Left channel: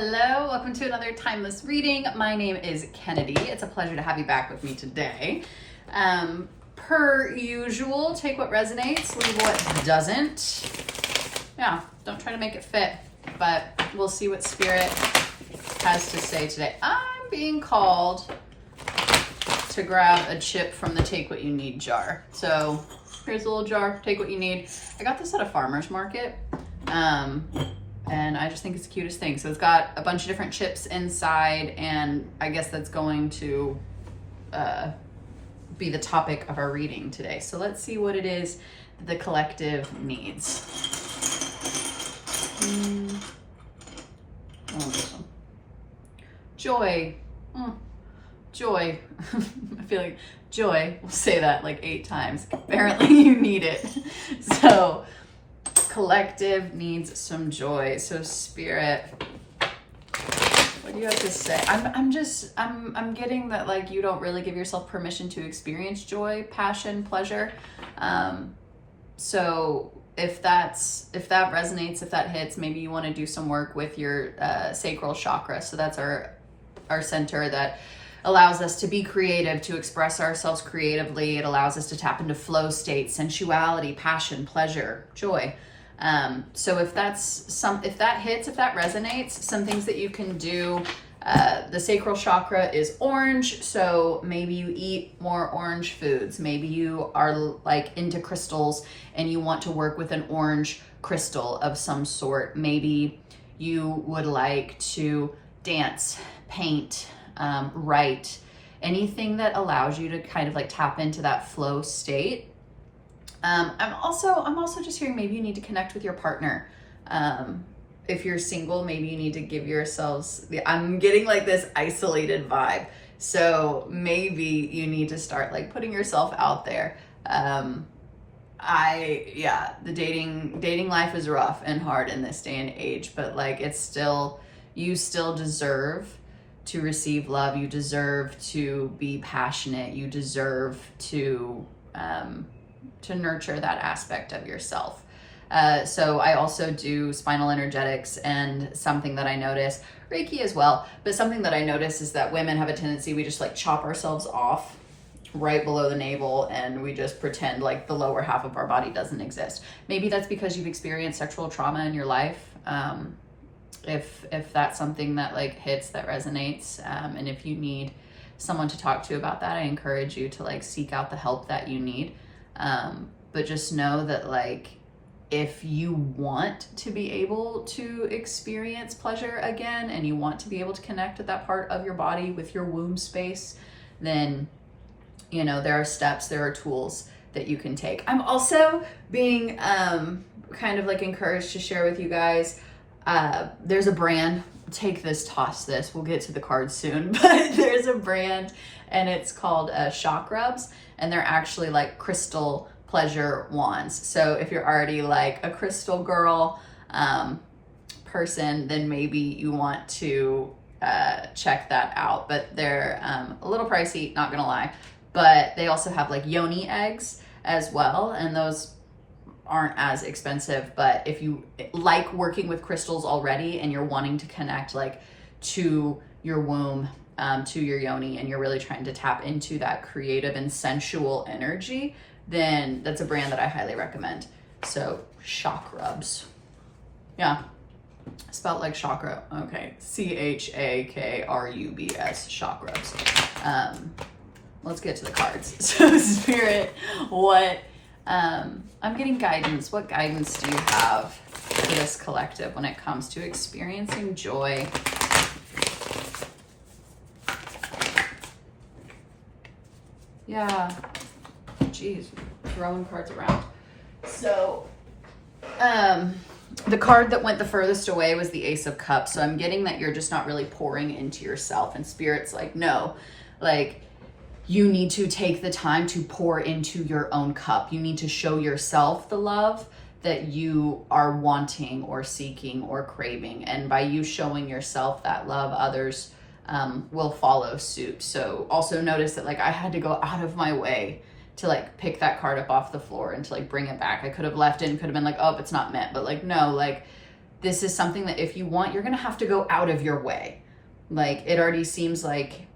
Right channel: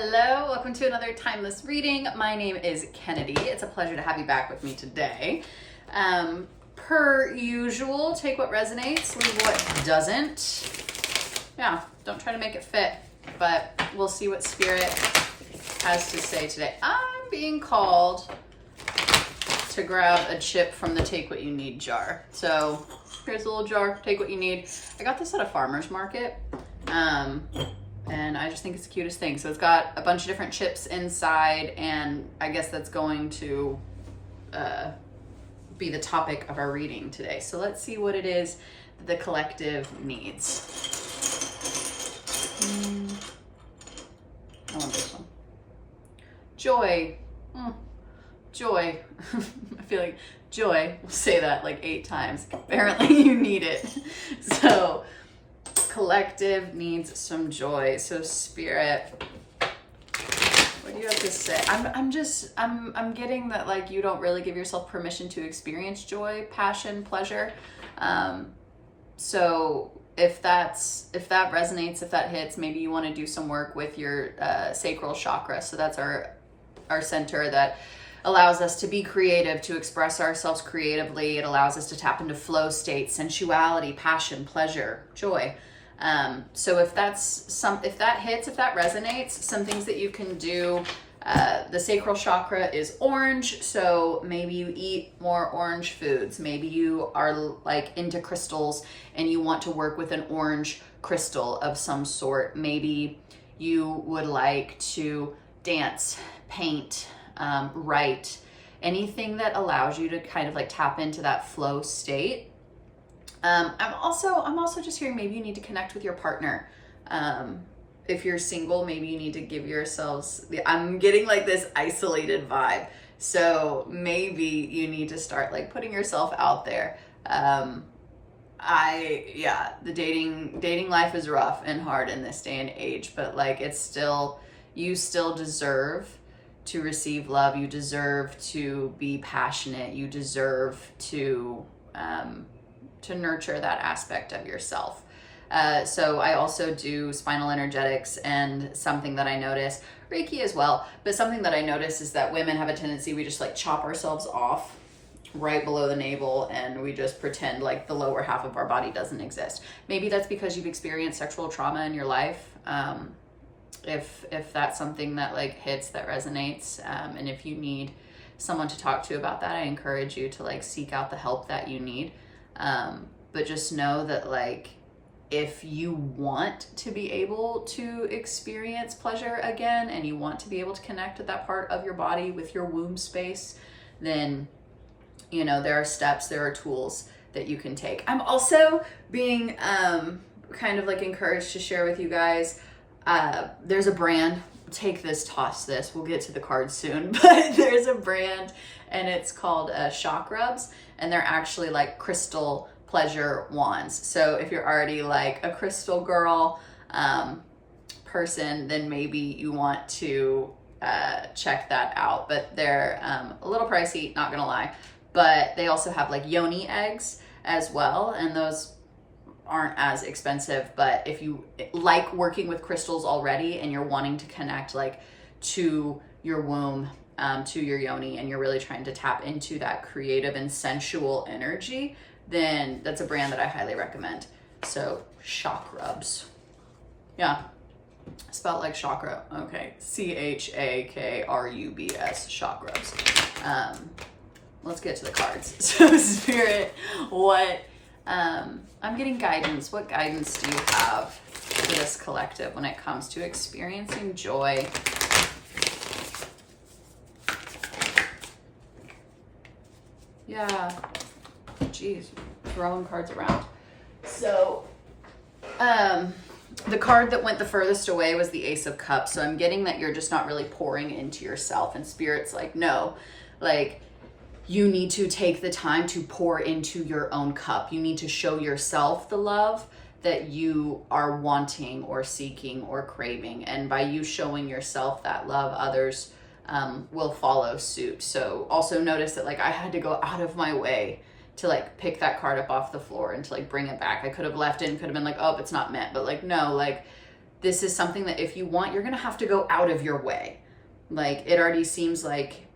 Hello, welcome to another timeless reading. My name is Kennedy. It's a pleasure to have you back with me today. Per usual, take what resonates, leave what doesn't. Yeah, don't try to make it fit, but we'll see what Spirit has to say today. I'm being called to grab a chip from the Take What You Need jar. So here's a little jar, take what you need. I got this at a farmer's market. And I just think it's the cutest thing. So it's got a bunch of different chips inside, and I guess that's going to be the topic of our reading today. So let's see what it is that the collective needs. I want this one. Joy. Joy. I feel like joy. We'll say that like 8 times. Apparently you need it. So collective needs some joy. So Spirit, what do you have to say? I'm getting that like you don't really give yourself permission to experience joy, passion, pleasure. So if that resonates, if that hits, maybe you want to do some work with your sacral chakra. So that's our center that allows us to be creative, to express ourselves creatively. It allows us to tap into flow state, sensuality, passion, pleasure, joy. So if that hits, if that resonates, some things that you can do, the sacral chakra is orange. So maybe you eat more orange foods. Maybe you are like into crystals and you want to work with an orange crystal of some sort. Maybe you would like to dance, paint, write, anything that allows you to kind of like tap into that flow state. I'm also just hearing maybe you need to connect with your partner. If you're single, maybe you need to give yourselves I'm getting like this isolated vibe. So maybe you need to start like putting yourself out there. The dating life is rough and hard in this day and age, but like you still deserve to receive love. You deserve to be passionate. You deserve to nurture that aspect of yourself. So I also do spinal energetics, and something that I notice, Reiki as well, but something that I notice is that women have a tendency, we just like chop ourselves off right below the navel and we just pretend like the lower half of our body doesn't exist. Maybe that's because you've experienced sexual trauma in your life. If that's something that like hits, that resonates, and if you need someone to talk to about that, I encourage you to like seek out the help that you need. But just know that like, if you want to be able to experience pleasure again, and you want to be able to connect with that part of your body, with your womb space, then, you know, there are steps, there are tools that you can take. I'm also being kind of like encouraged to share with you guys, there's a brand, take this, toss this, we'll get to the cards soon, but there's a brand and it's called Shock Rubs, and they're actually like crystal pleasure wands. So if you're already like a crystal girl person, then maybe you want to check that out. But they're a little pricey, not gonna lie, but they also have like yoni eggs as well, and those aren't as expensive. But if you like working with crystals already and you're wanting to connect like to your womb, to your yoni, and you're really trying to tap into that creative and sensual energy, then that's a brand that I highly recommend. So Shock Rubs. Yeah, spelled like chakra. Okay, CHAKRUBS, Shock Rubs. Let's get to the cards. So Spirit, what I'm getting guidance. What guidance do you have for this collective when it comes to experiencing joy? Yeah, geez, throwing cards around. So the card that went the furthest away was the Ace of Cups. So I'm getting that you're just not really pouring into yourself, and Spirit's like, no, like you need to take the time to pour into your own cup. You need to show yourself the love that you are wanting or seeking or craving. And by you showing yourself that love, others will follow suit. So also notice that like I had to go out of my way to like pick that card up off the floor and to like bring it back. I could have left it and could have been like, oh, it's not meant, but like, no, like this is something that if you want, you're going to have to go out of your way. Like, it already seems like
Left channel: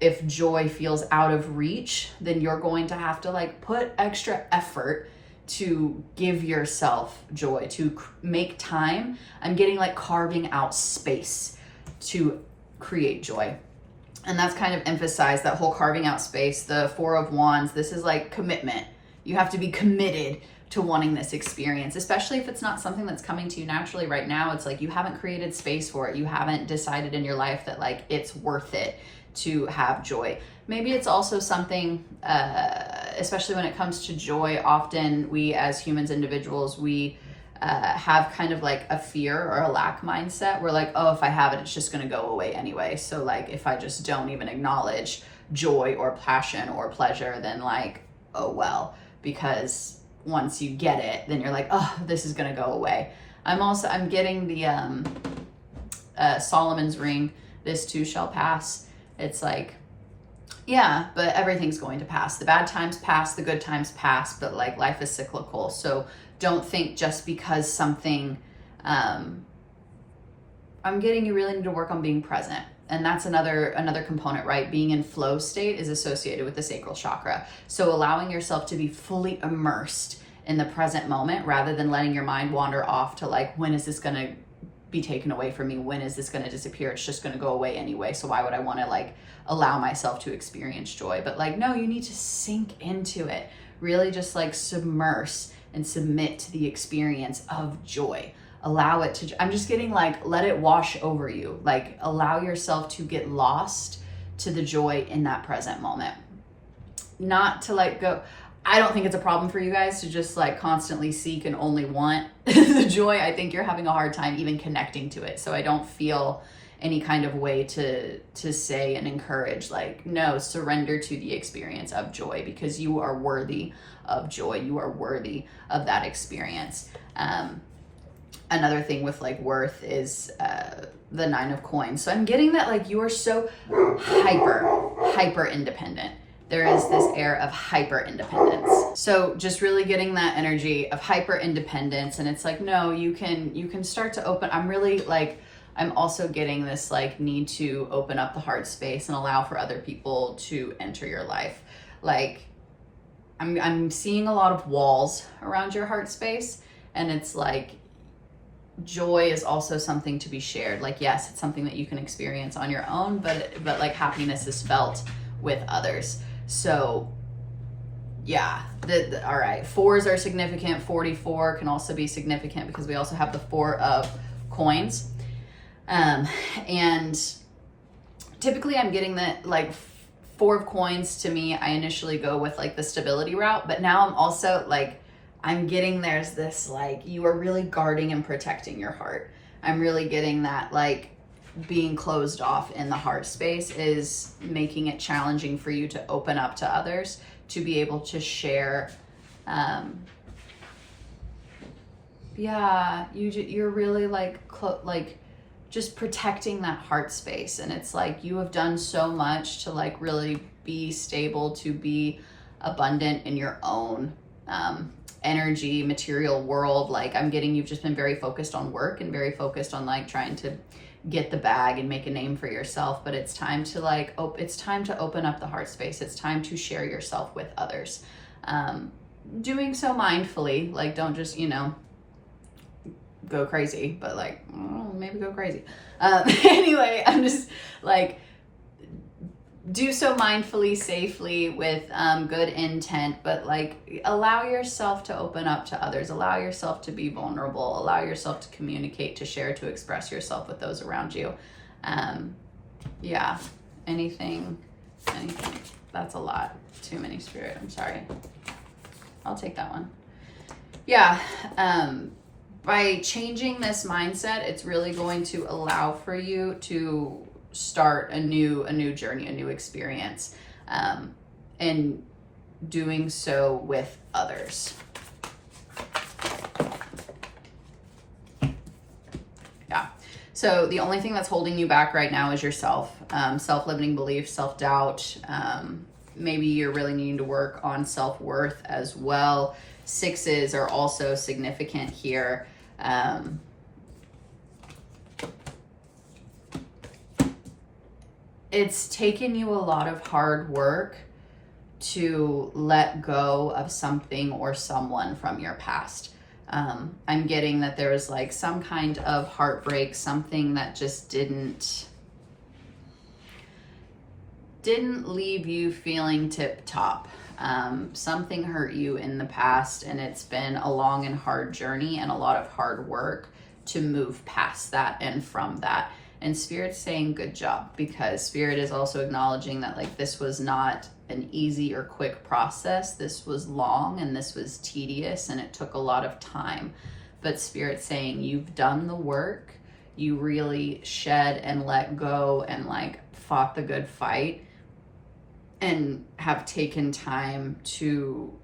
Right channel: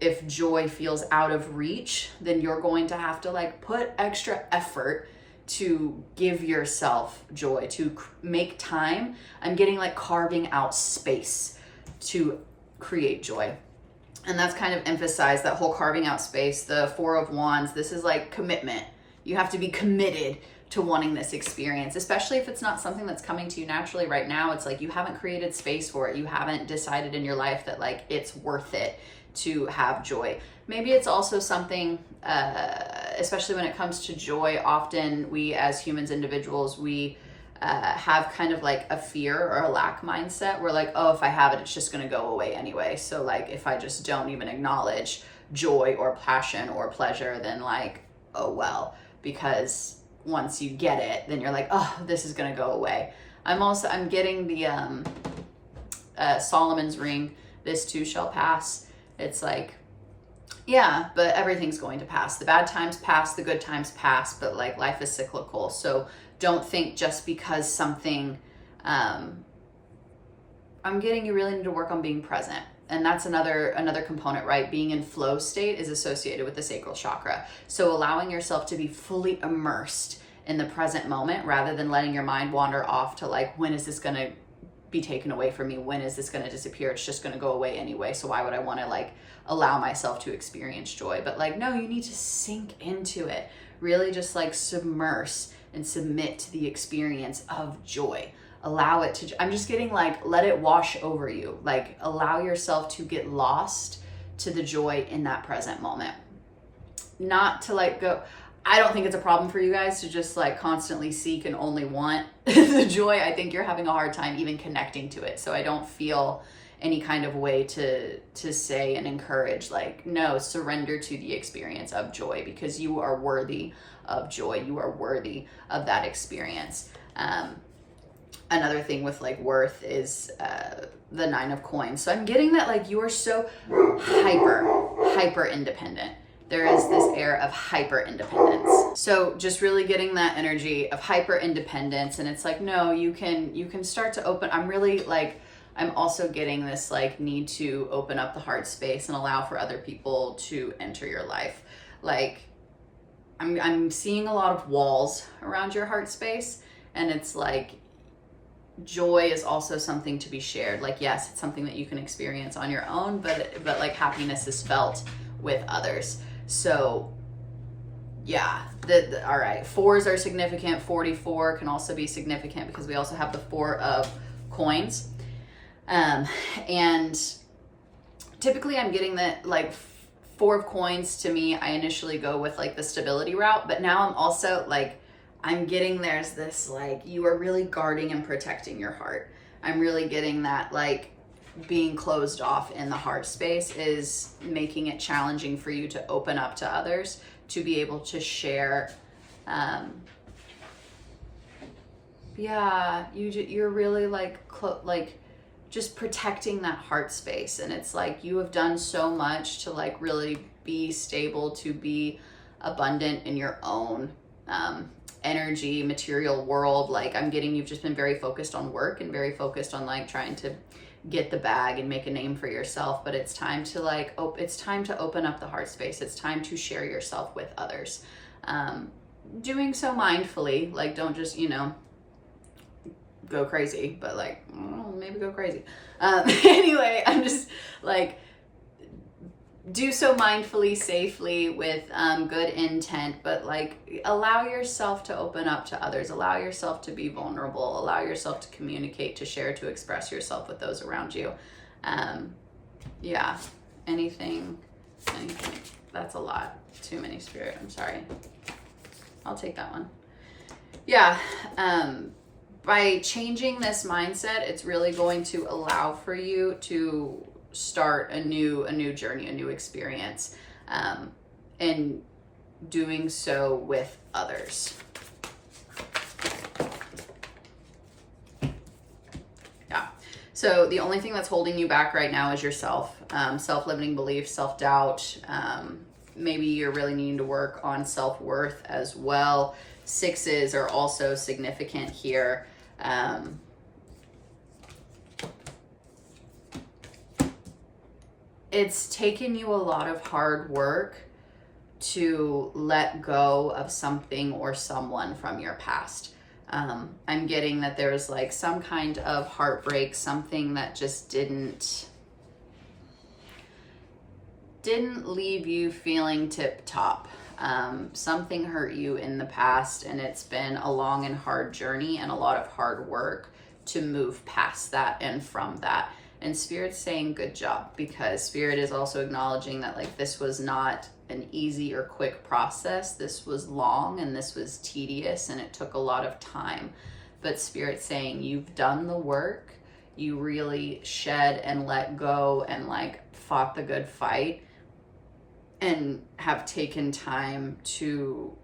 if joy feels out of reach, then you're going to have to like put extra effort to give yourself joy, to make time. I'm getting like carving out space to create joy. And that's kind of emphasized, that whole carving out space. The Four of Wands, this is like commitment. You have to be committed to wanting this experience, especially if it's not something that's coming to you naturally right now. It's like you haven't created space for it. You haven't decided in your life that like it's worth it to have joy. Maybe it's also something, especially when it comes to joy, often we as humans, individuals, we have kind of like a fear or a lack mindset. We're like, oh, if I have it, it's just gonna go away anyway. So like, if I just don't even acknowledge joy or passion or pleasure, then like, oh well, because once you get it, then you're like, oh, this is gonna go away. I'm getting the Solomon's ring, this too shall pass. It's like, yeah, but everything's going to pass. The bad times pass, the good times pass, but like life is cyclical. So don't think just because something, I'm getting, you really need to work on being present. And that's another component, right? Being in flow state is associated with the sacral chakra. So allowing yourself to be fully immersed in the present moment rather than letting your mind wander off to like, when is this going to be taken away from me? When is this going to disappear? It's just going to go away anyway. So why would I want to like allow myself to experience joy? But like, no, you need to sink into it. Really just like submerse and submit to the experience of joy. Allow it to, I'm just getting like, let it wash over you. Like allow yourself to get lost to the joy in that present moment. Not to like go, I don't think it's a problem for you guys to just like constantly seek and only want the joy. I think you're having a hard time even connecting to it. So I don't feel any kind of way to say and encourage like, no, surrender to the experience of joy, because you are worthy of joy. You are worthy of that experience. Another thing with like worth is the Nine of Coins. So I'm getting that like you are so hyper independent. There is this air of hyper independence. So just really getting that energy of hyper independence. And it's like, no, you can start to open. I'm also getting this like need to open up the heart space and allow for other people to enter your life. Like I'm seeing a lot of walls around your heart space, and it's like joy is also something to be shared. Like, yes, it's something that you can experience on your own, but like happiness is felt with others. So yeah, all right, fours are significant. 44 can also be significant because we also have the Four of Coins. And typically I'm getting that like Four of Coins, to me, I initially go with like the stability route, but now I'm also like, I'm getting there's this like, you are really guarding and protecting your heart. I'm really getting that like being closed off in the heart space is making it challenging for you to open up to others, to be able to share. You're really like just protecting that heart space. And it's like, you have done so much to like really be stable, to be abundant in your own energy, material world. Like I'm getting, you've just been very focused on work and very focused on like trying to get the bag and make a name for yourself. But it's time to like, it's time to open up the heart space. It's time to share yourself with others. Doing so mindfully, like don't just, go crazy, but like maybe go crazy. Anyway, I'm just like, do so mindfully, safely, with good intent, but like allow yourself to open up to others, allow yourself to be vulnerable, allow yourself to communicate, to share, to express yourself with those around you. Yeah, anything, that's a lot. Too many, Spirit, I'm sorry. I'll take that one. Yeah, by changing this mindset, it's really going to allow for you to start a new journey, a new experience, and doing so with others. Yeah. So the only thing that's holding you back right now is yourself, self-limiting beliefs, self-doubt. Maybe you're really needing to work on self-worth as well. Sixes are also significant here. it's taken you a lot of hard work to let go of something or someone from your past. I'm getting that there was like some kind of heartbreak, something that just didn't leave you feeling tip top. Something hurt you in the past, and it's been a long and hard journey and a lot of hard work to move past that and from that. And Spirit's saying good job, because Spirit is also acknowledging that like this was not an easy or quick process. This was long and this was tedious and it took a lot of time. But Spirit's saying you've done the work. You really shed and let go and like fought the good fight and have taken time to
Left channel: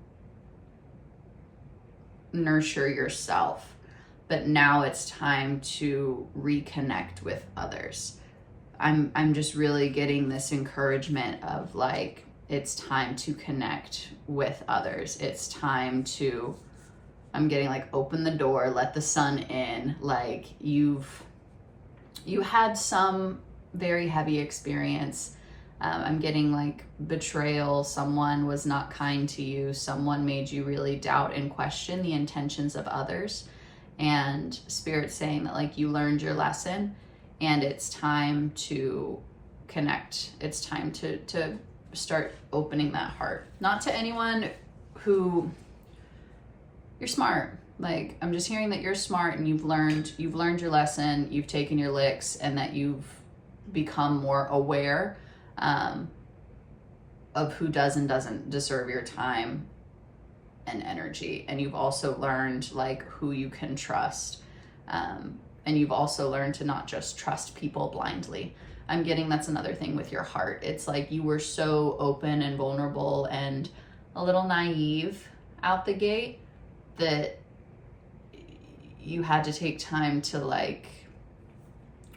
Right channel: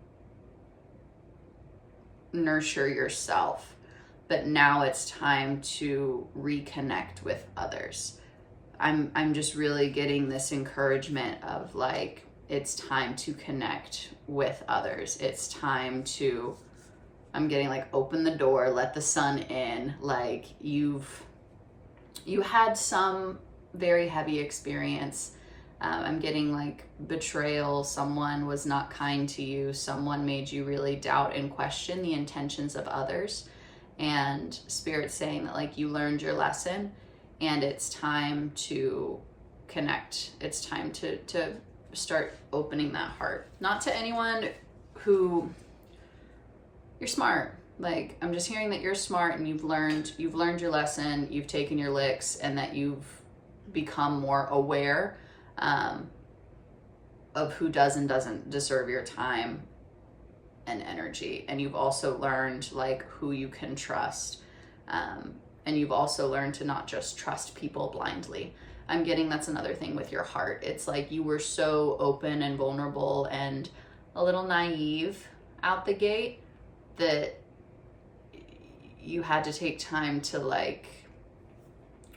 nurture yourself. But now it's time to reconnect with others. I'm just really getting this encouragement of like, it's time to connect with others. It's time to, I'm getting like, open the door, let the sun in. Like you had some very heavy experience. I'm getting like betrayal. Someone was not kind to you. Someone made you really doubt and question the intentions of others. And Spirit's saying that like you learned your lesson and it's time to connect. It's time to start opening that heart. Not to anyone who, you're smart. Like, I'm just hearing that you're smart and you've learned your lesson, you've taken your licks, and that you've become more aware of who does and doesn't deserve your time and energy. And you've also learned like who you can trust. And you've also learned to not just trust people blindly. I'm getting that's another thing with your heart. It's like you were so open and vulnerable and a little naive out the gate that you had to take time to like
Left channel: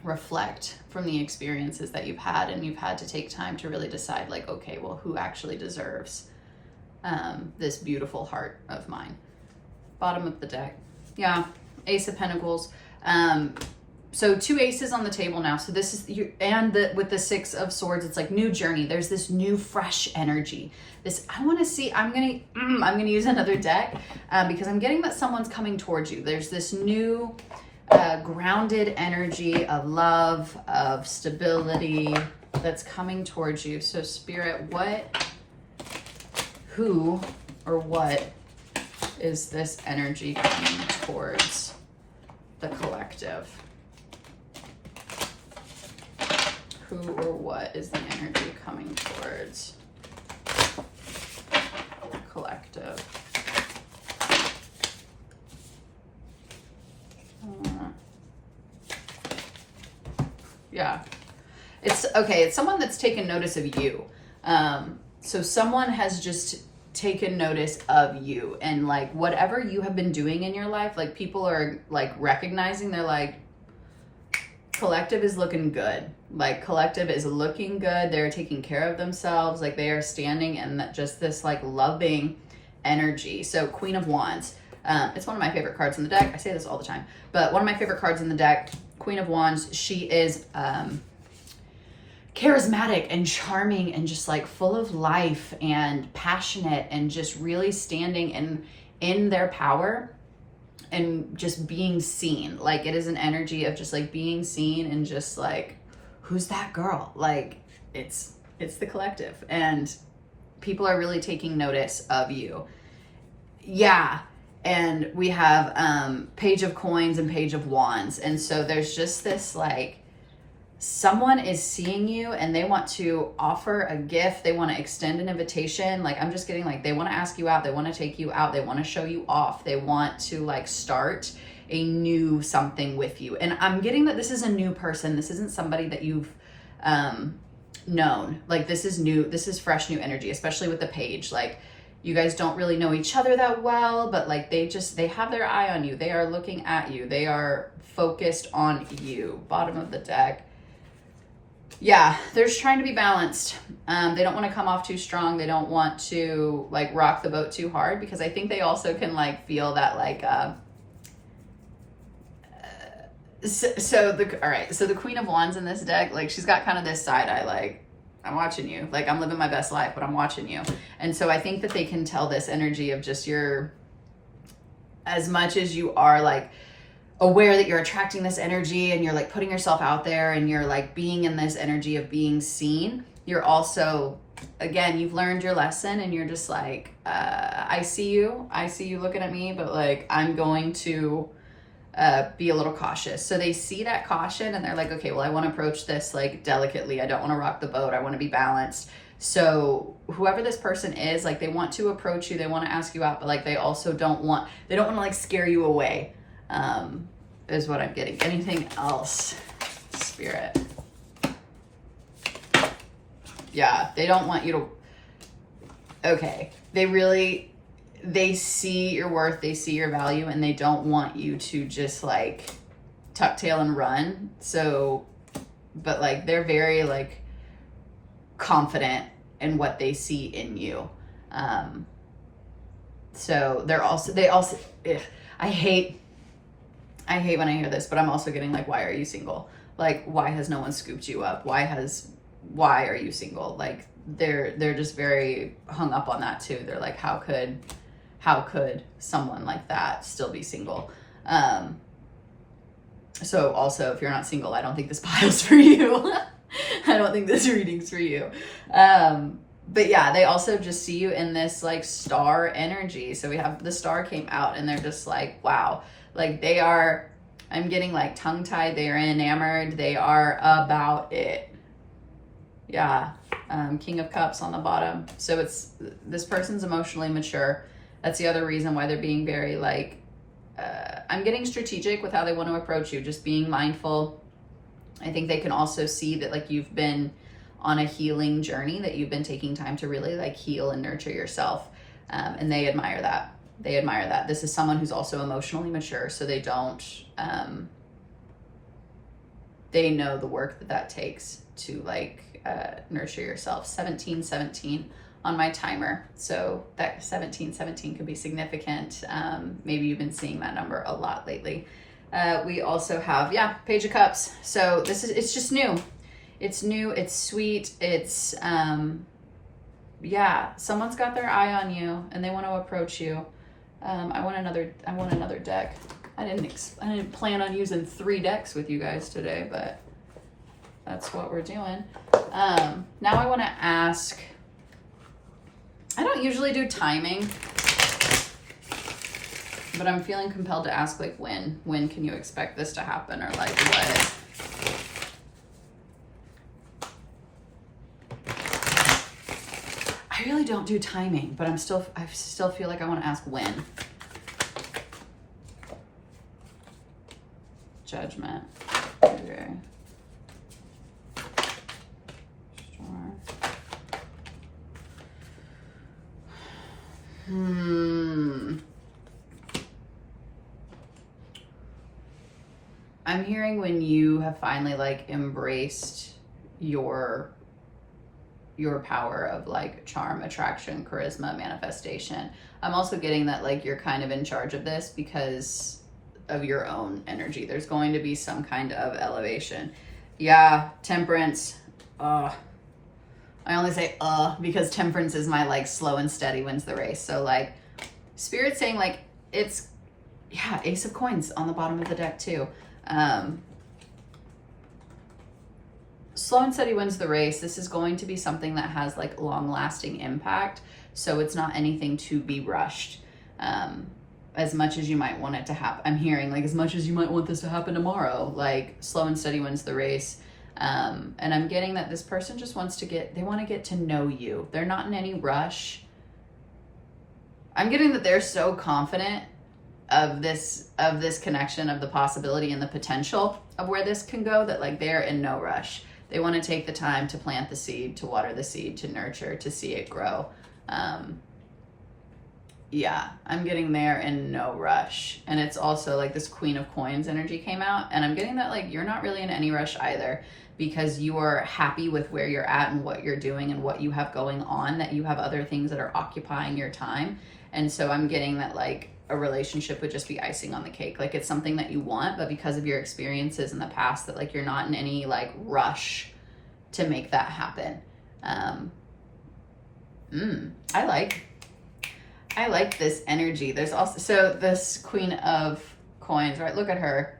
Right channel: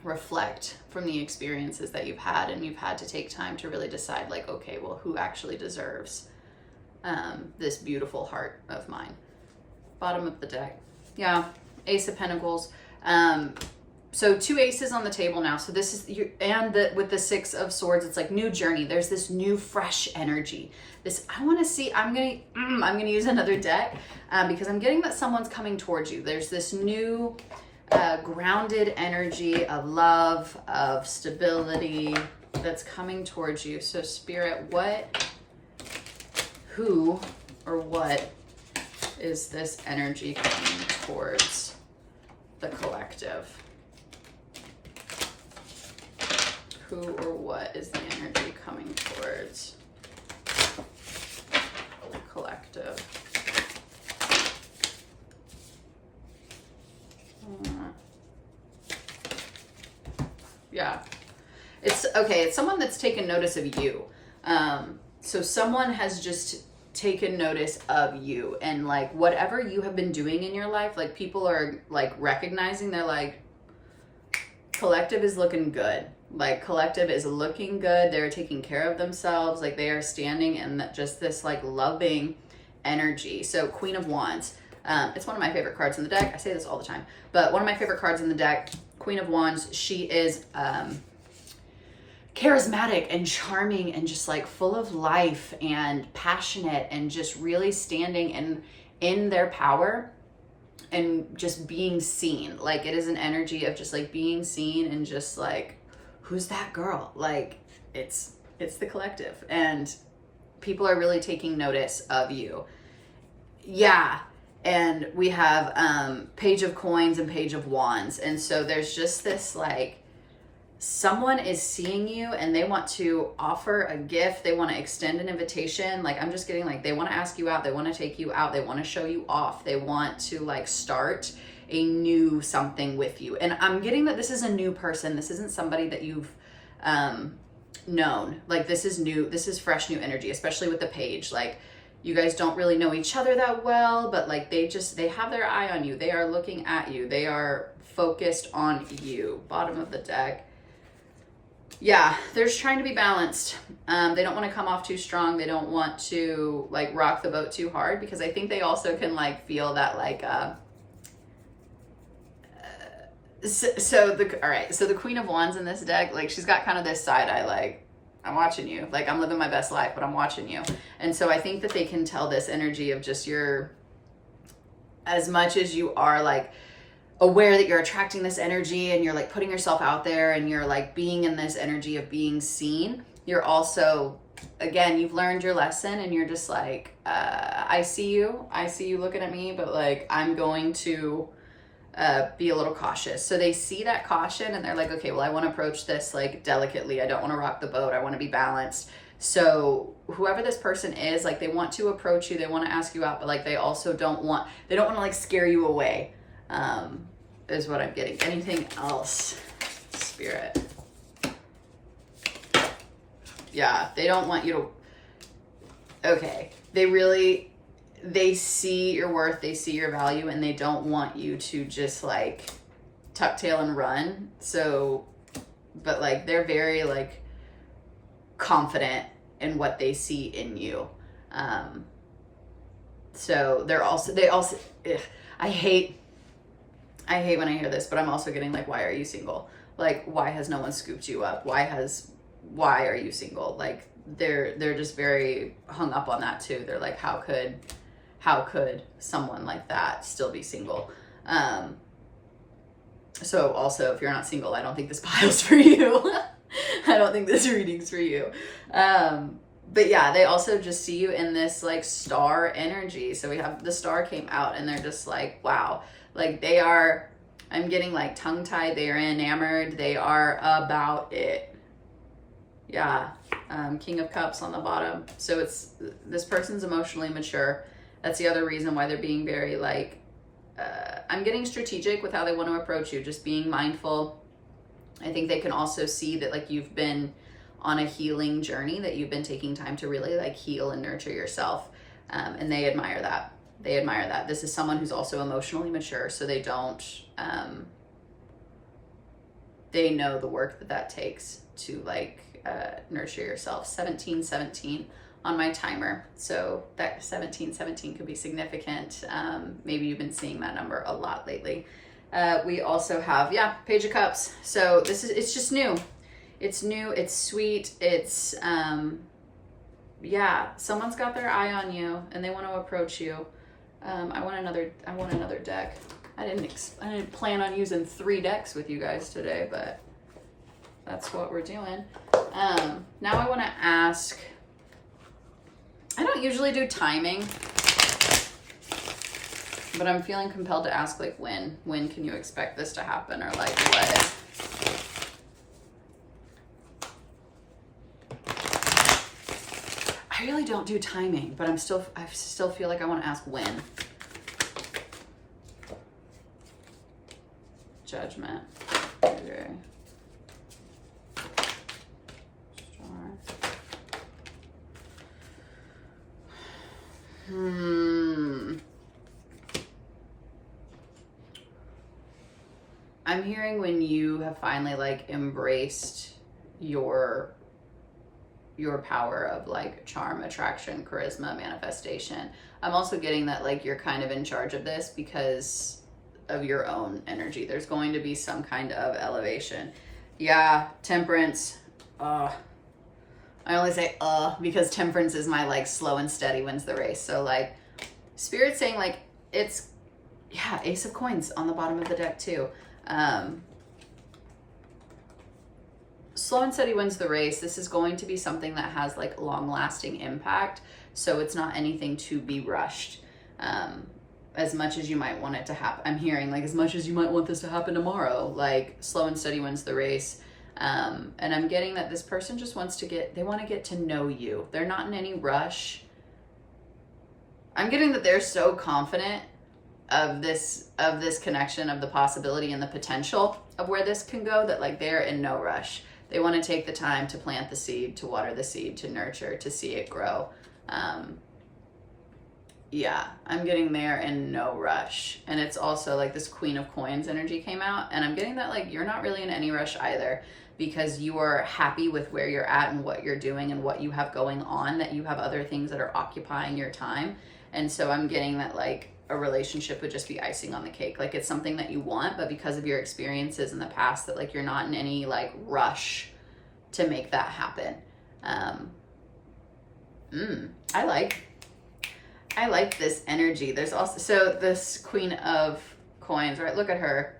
reflect from the experiences that you've had, and you've had to take time to really decide like, okay, well, who actually deserves this beautiful heart of mine? Bottom of the deck. Yeah, Ace of Pentacles. So 2 aces on the table now. So this is you, and with the 6 of Swords, it's like new journey. There's this new fresh energy. This, I want to see, I'm going to use another deck because I'm getting that someone's coming towards you. There's this new grounded energy of love, of stability that's coming towards you. So Spirit, who or what is this energy coming towards the collective? Who or what is the energy coming towards the collective? Yeah, it's okay. It's someone that's taken notice of you. So someone has just taken notice of you, and like whatever you have been doing in your life, like people are like recognizing, they're like, collective is looking good. Like collective is looking good. They're taking care of themselves. Like they are standing in just this like loving energy. So Queen of Wands. It's one of my favorite cards in the deck. I say this all the time, but one of my favorite cards in the deck, Queen of Wands. She is charismatic and charming and just like full of life and passionate and just really standing in their power and just being seen. Like it is an energy of just like being seen and just like, who's that girl? Like it's the collective, and people are really taking notice of you. Yeah. And we have Page of Coins and Page of Wands. And so there's just this like, someone is seeing you and they want to offer a gift. They want to extend an invitation. Like I'm just getting like, they want to ask you out. They want to take you out. They want to show you off. They want to like start a new something with you. And I'm getting that this is a new person. This isn't somebody that you've known. Like this is new. This is fresh new energy, especially with the page. Like you guys don't really know each other that well, but like they have their eye on you. They are looking at you. They are focused on you. Bottom of the deck. Yeah, they're just trying to be balanced. They don't want to come off too strong. They don't want to like rock the boat too hard, because I think they also can like feel that like, so the Queen of Wands in this deck, like she's got kind of this side eye, like, I'm watching you. Like, I'm living my best life, but I'm watching you. And so I think that they can tell this energy of just as much as you are like aware that you're attracting this energy and you're like putting yourself out there and you're like being in this energy of being seen, you're also, again, you've learned your lesson and you're just like, I see you looking at me, but like, I'm going to be a little cautious. So they see that caution and they're like, okay, well, I want to approach this like delicately. I don't want to rock the boat. I want to be balanced. So whoever this person is, like, they want to approach you, they want to ask you out, but like, they also don't want to like scare you away, is what I'm getting. Anything else, Spirit? Yeah, they don't want you to, okay. They see your worth, they see your value, and they don't want you to just like tuck tail and run. So, but like, they're very like confident in what they see in you. So they also, I hate when I hear this, but I'm also getting like, why are you single? Like, why has no one scooped you up? Why are you single? Like, they're just very hung up on that too. They're like, how could someone like that still be single? So also, if you're not single, I don't think this pile's for you. I don't think this reading's for you. But yeah, they also just see you in this like star energy. So we have the star came out and they're just like, wow, like I'm getting like tongue tied. They are enamored. They are about it. Yeah. King of Cups on the bottom. So this person's emotionally mature. That's the other reason why they're being very like, I'm getting strategic with how they want to approach you, just being mindful. I think they can also see that like you've been on a healing journey, that you've been taking time to really like heal and nurture yourself. And they admire that. They admire that. This is someone who's also emotionally mature. So they don't, they know the work that takes to like nurture yourself. 1717 on my timer. So that 1717 could be significant. Maybe you've been seeing that number a lot lately. We also have, Page of Cups. So it's just new. It's new. It's sweet. It's, someone's got their eye on you and they want to approach you. I want another deck. I didn't plan on using 3 decks with you guys today, but that's what we're doing. Now I want to ask, I don't usually do timing, but I'm feeling compelled to ask like when can you expect this to happen, or like what? I really don't do timing, but I still feel like I want to ask when. Judgment. Okay. Star. I'm hearing when you have finally like embraced your power of like charm, attraction, charisma, manifestation. I'm also getting that like you're kind of in charge of this because of your own energy. There's going to be some kind of elevation. Yeah, Temperance. I only say because Temperance is my like slow and steady wins the race. So like Spirit's saying like it's, Ace of Coins on the bottom of the deck too. Slow and steady wins the race. This is going to be something that has like long lasting impact. So it's not anything to be rushed. As much as you might want it to happen. I'm hearing like as much as you might want this to happen tomorrow, like slow and steady wins the race. And I'm getting that this person just wants to they want to get to know you. They're not in any rush. I'm getting that they're so confident of this connection, of the possibility and the potential of where this can go, that like they're in no rush. They want to take the time to plant the seed, to water the seed, to nurture, to see it grow. I'm getting there in no rush. And it's also like this Queen of Coins energy came out, and I'm getting that like you're not really in any rush either, because you are happy with where you're at and what you're doing and what you have going on, that you have other things that are occupying your time. And so I'm getting that like a relationship would just be icing on the cake. Like it's something that you want, but because of your experiences in the past, that like you're not in any like rush to make that happen. I like this energy. There's also, so this Queen of Coins, right? Look at her.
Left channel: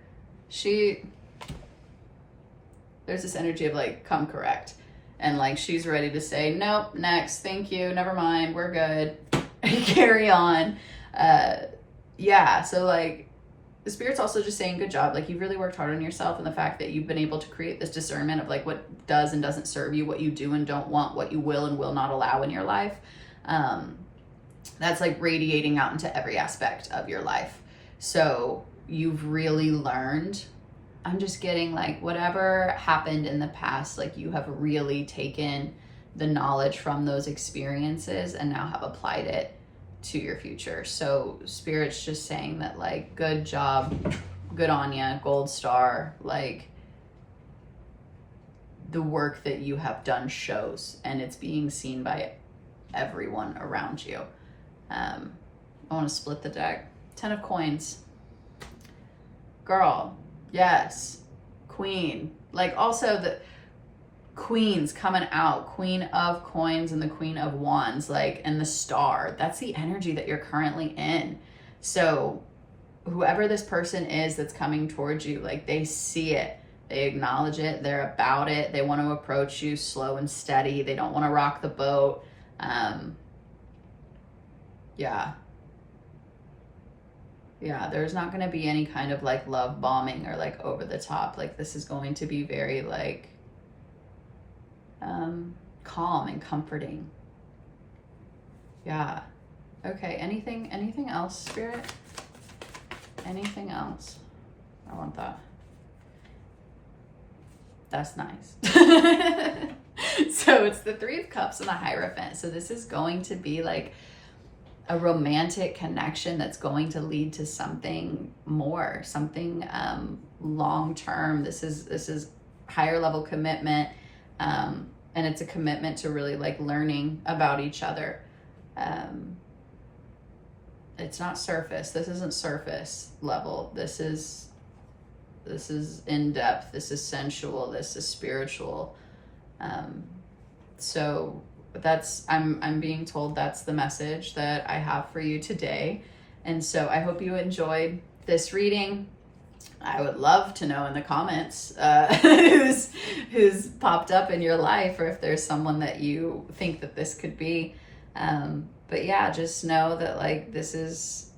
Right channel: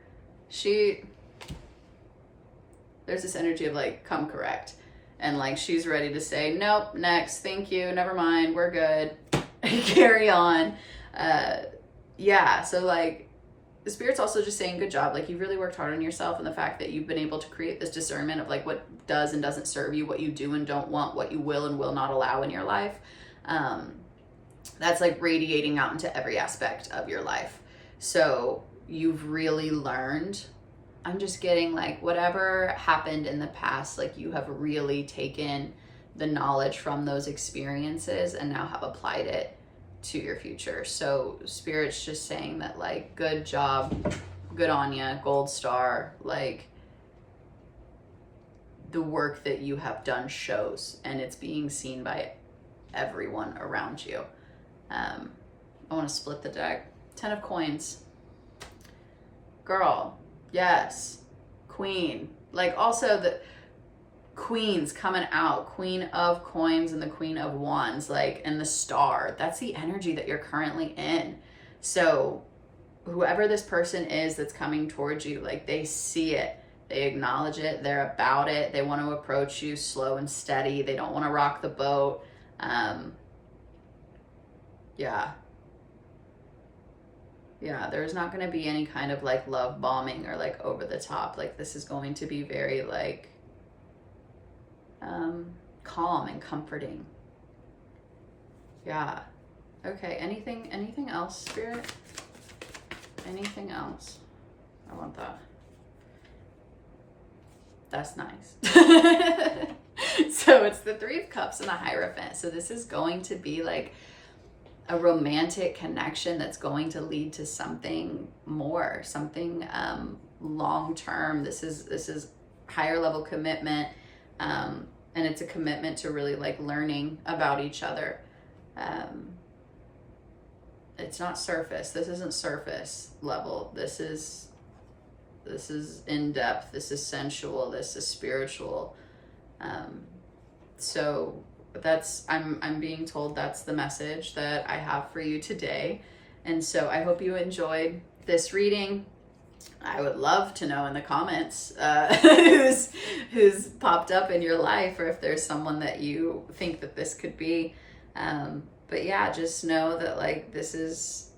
There's this energy of like, come correct. And like, she's ready to say, nope, next, thank you, never mind, we're good. Carry on. Yeah, so like, the Spirit's also just saying, good job. Like, you've really worked hard on yourself, and the fact that you've been able to create this discernment of like what does and doesn't serve you, what you do and don't want, what you will and will not allow in your life. That's like radiating out into every aspect of your life. So you've really learned, I'm just getting like whatever happened in the past, like you have really taken the knowledge from those experiences and now have applied it to your future. So Spirit's just saying that like, good job, good on ya, gold star. Like, the work that you have done shows, and it's being seen by everyone around you. I want to split the deck. 10 of Coins. Girl, yes. Queen. Like, also the Queens coming out. Queen of Coins and the Queen of Wands, like, and the Star. That's the energy that you're currently in. So whoever this person is that's coming towards you, like, they see it. They acknowledge it. They're about it. They want to approach you slow and steady. They don't want to rock the boat. Yeah, there's not going to be any kind of like love bombing or like over the top. Like, this is going to be very like calm and comforting. Yeah. Okay, anything else, Spirit? Anything else? I want that. That's nice. So it's the Three of Cups and the Hierophant. So this is going to be like a romantic connection that's going to lead to something more, something long-term. This is higher level commitment. And it's a commitment to really like learning about each other. It's not surface. This isn't surface level. This is in depth. This is sensual. This is spiritual. So that's, I'm being told that's the message that I have for you today. And so I hope you enjoyed this reading. I would love to know in the comments who's popped up in your life, or if there's someone that you think that this could be. But yeah, just know that like, this is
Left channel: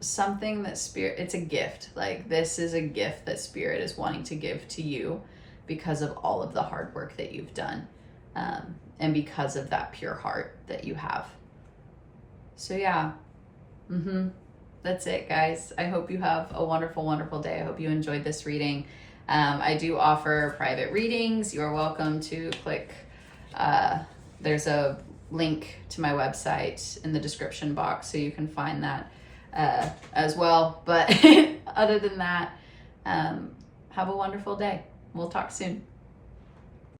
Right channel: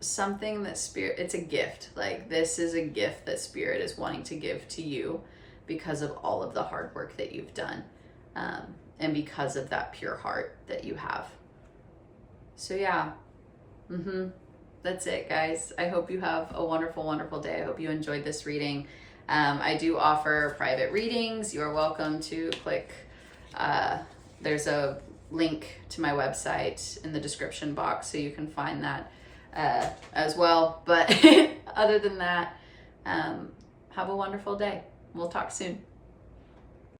something that Spirit, it's a gift. Like, this is a gift that Spirit is wanting to give to you because of all of the hard work that you've done. And because of that pure heart that you have. So yeah, that's it, guys. I hope you have a wonderful, wonderful day. I hope you enjoyed this reading. I do offer private readings. You're welcome to click, there's a link to my website in the description box, so you can find that as well. But other than that, have a wonderful day. We'll talk soon.